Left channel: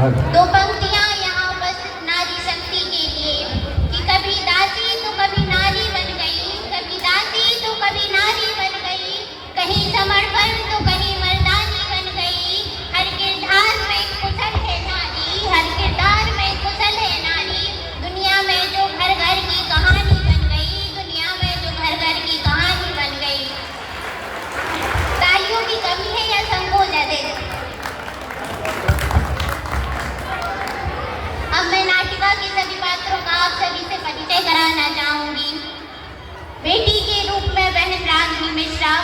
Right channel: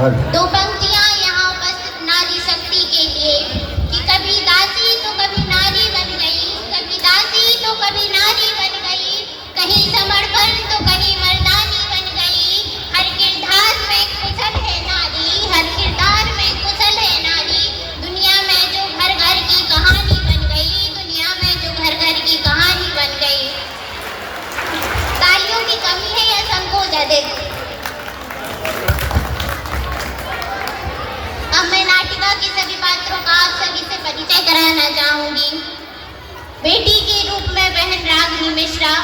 दो पंक्तियां यहाँ उपस्थित नारी शक्ति के लिए कि कभी दासी तो कभी नारी बन गई, कभी दासी तो कभी नारी बन गई, कहीं समर्पण तो कहीं मर्दानी बन गई। हर किरदार में कुशल है नारी, हर किरदार में कुशल है नारी। दुनिया में जो घर घर की कहानी बन गई, दुनिया में जो घर घर की कहानी बन गई। तालियों की कमी है या संकोच अधिक? अब मैं नाटिका के सभी पात्रों का आप सभी से परिचय कराना चाहूंगी। बेटी के रूप में बहन रागिनी मिश्रा,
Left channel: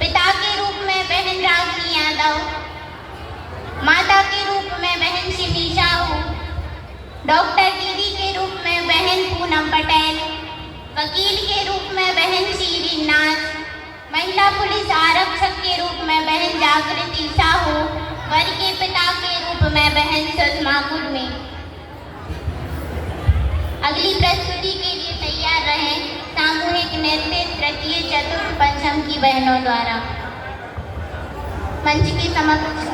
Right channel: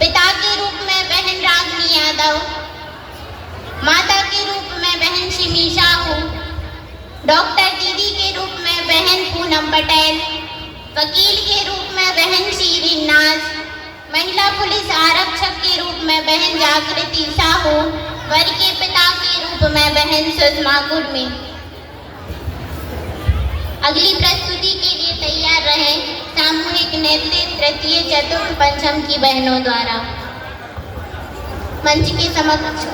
पिता के रूप में बहन रागिनी यादव, माता के रूप में बहन शिमी साहू, डॉक्टर दीदी के रूप में बहन पूनम पटेल, वकील के रूप में बहन शीरीन नाज, महिला पुलिस आरक्षक के रूप में बहन जागृति साहू, वर के पिता के रूप में बहन सुषमा कुर्मी। अगली प्रस्तुति के लिए तैयार रहे सामूहिक नृत्य तृतीय चतुर्थ पंचम की बहनों द्वारा। मंच के समक्ष।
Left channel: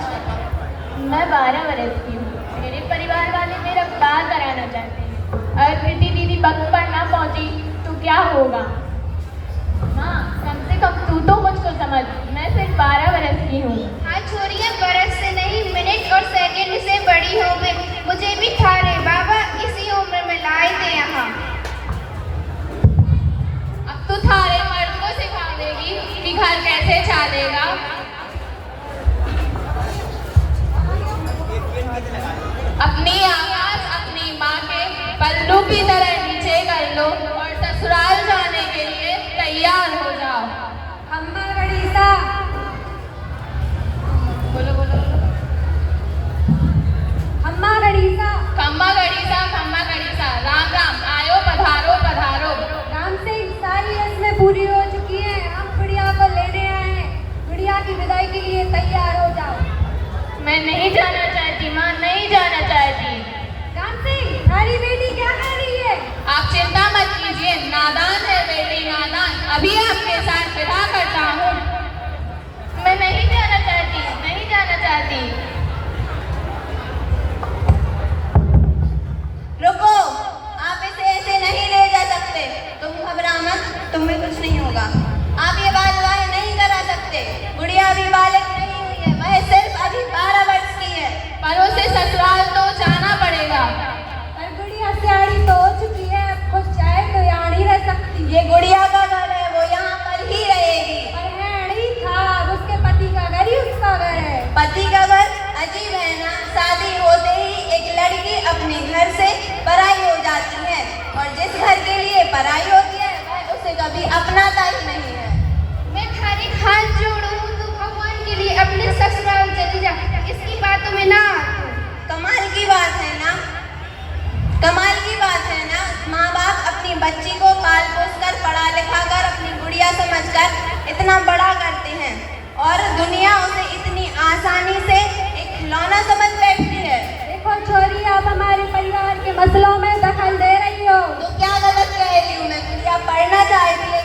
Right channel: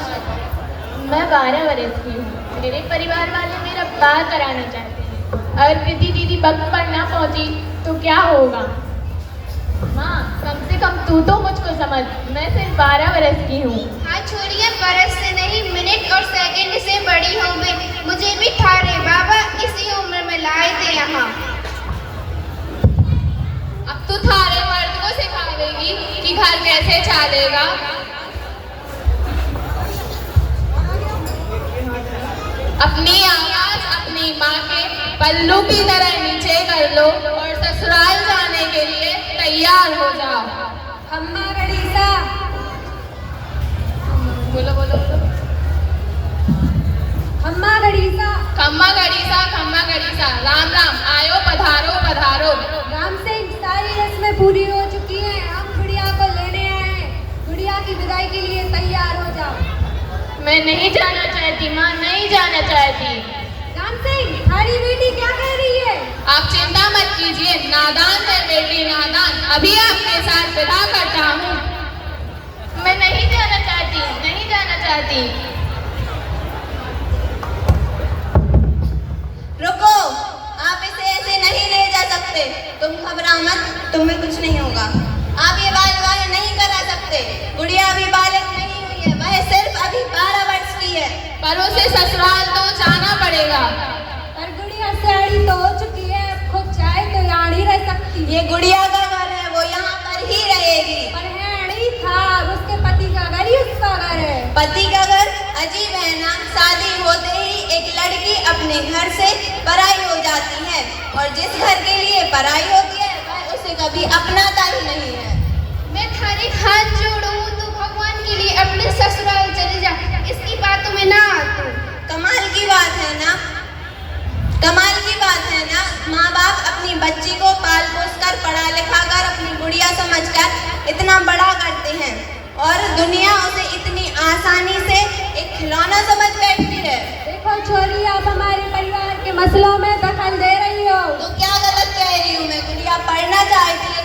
मैं 12 वर्ष की हूँ। मेरे परिवार वाले मेरा ब्याह कराना चाहते हैं। अगर कृति दीदी वक्त पर ना पहुँची तो क्या होगा? माँ, कम से कम तू तो मुझको समझ। मैं सिर्फ 12 वर्ष की हूँ। हाँ छोड़िए, बरस से नहीं मिनट और सेकंड से बड़ी हो गई। मुझे भी खा ले बाबा, इसी उम्र में लाए थे यहाँ। अब तू थारे मर्द को सिखा देगी कि घर कैसे चलेगा। अपनी आवाज अपनी माँ के पल्लू की तरह नीचे कर लो और ससुराल जाने के लिए तैयार हो जाओ। अम्मा गणिसा, बोलो बोलो। अम्मा गणिसा, खम्मा गड़ीसा, राम राम, आयो पधारो पधारो। राम सिंह, सारी रस्में पूरी हो चुकी है। हम गुड़िया को लेने आए हैं। गुड़िया की विदाई के लिए तैयार हो जाओ। मैं नहीं जाना चाहती माँ, नहीं जाना चाहती। राम सिंह, हमारी बेटी क्या कर रही है? आप चिंता मत कीजिए, नादान है बेटी, नादान। अभी आपके साथ विदा करता हूँ। मैं नहीं जाना चाहती, नहीं जाना चाहती। रुको, आप इसे ऐसे नहीं ले जा सकते। तुम घबराओ मत, तुम्हें कुछ नहीं होगा। आप ये बाल नहीं करा सकते। गुड़िया अभी बालक नहीं हुई है, वह सिर्फ अभी 12 वर्ष की है। पर उसे ससुराल तो जाना पड़ेगा। पर गुड़िया सियाणी तो हो चुकी है, खुद चाहे तो यहाँ नहीं रह सकती। ये गुड़िया का घर है, वो यहाँ पर ही रहेगी। पर है नहीं था, अब उसके पति का घर ही उसका घर है। पति का घर अजीब है ना। शादी होते ही एक लड़की अपने घर से पराई हो जाती है, और जिस घर के लिए पराई होती है वह उसे कभी अपनाता ही नहीं है। मैं थारे हाथ जोड़ूं तो भगवान के लिए अपने ससुराल चली जा। इसकी बातों में ना आती। कमाल की बात है ना, कमाल की बात है ना। माँ बाप अपनी बच्ची को पाल पोस कर पढ़ा लिखा कर अपनी गुड़िया समझकर इतना बड़ा करते हैं, और दुनिया उसे इतनी आसानी से एक खिलौना समझ बैठती है। देखो छोरी, आप हमारे परिवार के मसलों में दखल दे रही हो। तो क्या गलत कह रही हूँ मैं? गुड़िया पढ़ना चाहती है,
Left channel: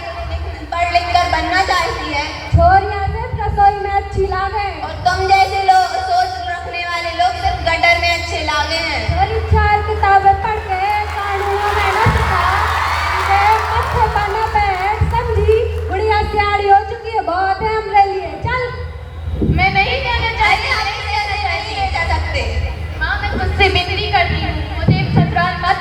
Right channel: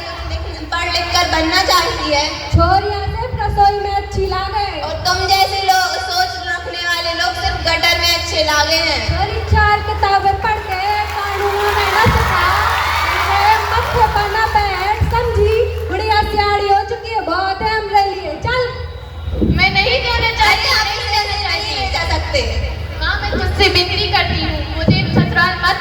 पढ़ लिख कर बनना चाहती है। छोरियां सिर्फ रसोई में अच्छी लागे, और तुम जैसे लोग सोच रखने वाले लोग सिर्फ गटर में अच्छे लागे हैं। छोरी 4 किताबें पढ़ते हैं, कानून में ना सिखा, मत्थे पर ना बैठ, समझी? गुड़िया सियाणी हो चुकी है, बहुत है हमरे लिए। चल। मैं नहीं जाना चाहती। नहीं जा सकते। माँ, मैं तुझसे बिक्री करती हूँ, मुझे ससुराल मत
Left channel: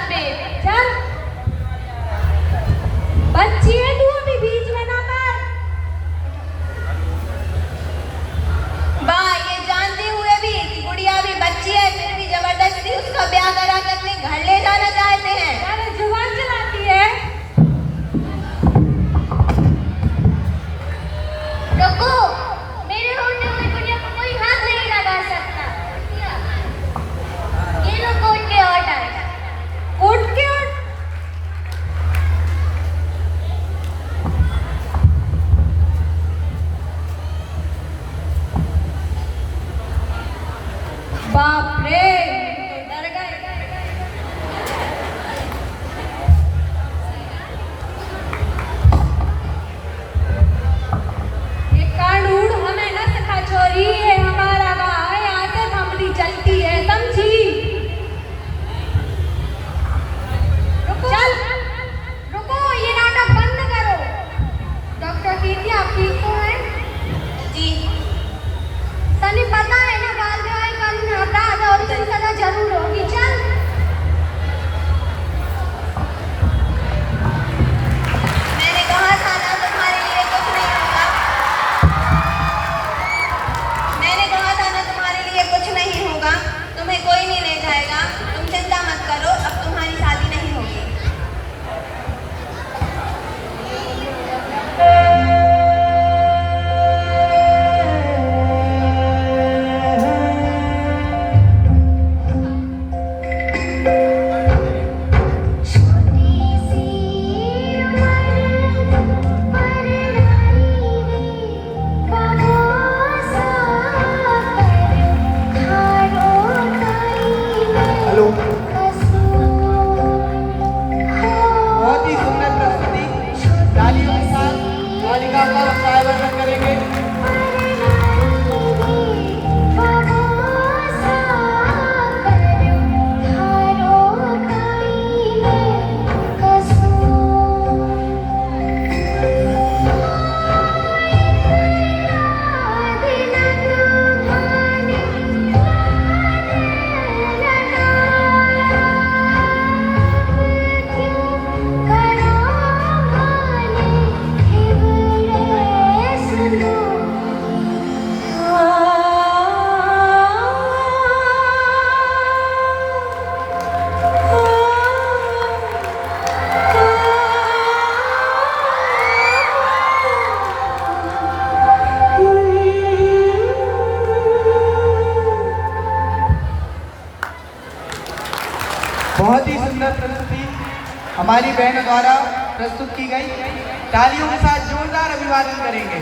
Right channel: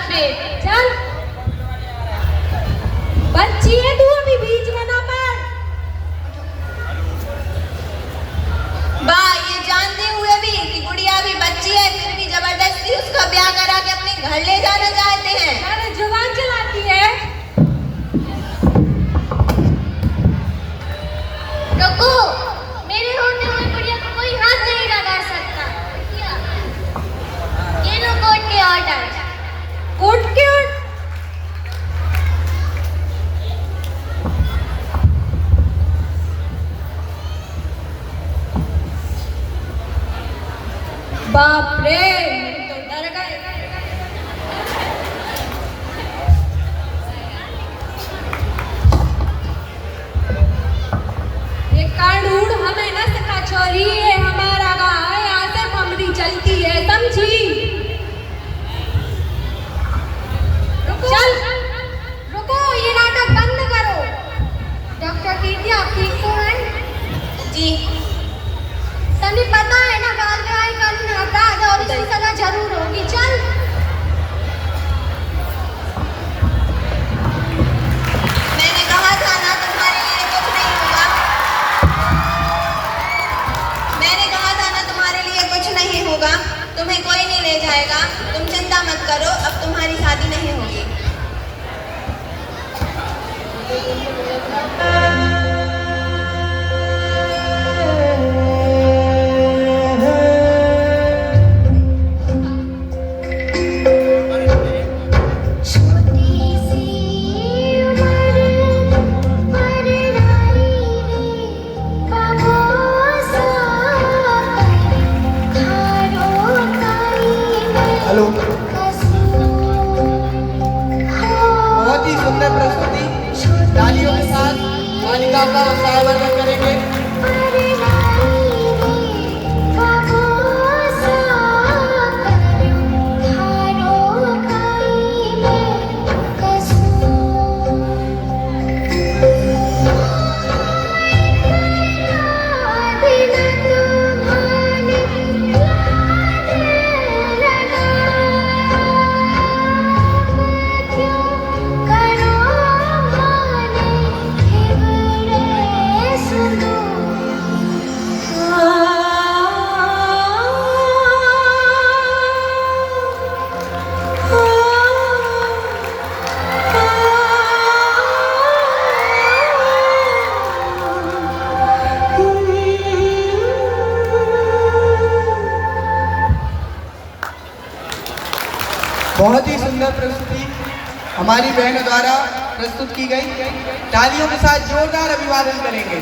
बेटी आपकी तो है जी। तनी पता है ना बाल विवाह कानून अपराध और इसकी सजा जरूर होगी। चल मैंने कहा था ना तुम्हारे लिए कुछ नहीं होगा। मैंने कहा था ना तुम्हारे लिए कुछ नहीं होगा। तुम्हें कोई नहीं ले जाएगा। तुम चिंता मत करो, अब तुम्हारी शादी नहीं होगी। हेलो। बहुत ही सुंदर प्रस्तुति तालियों के साथ मालिका का सायबरमन करेंगे। बहुत ही सुंदर प्रस्तुति हमारी बहनों द्वारा प्रस्तुत की गई। तालियों के साथ जोरदार अभिवादन करेंगे।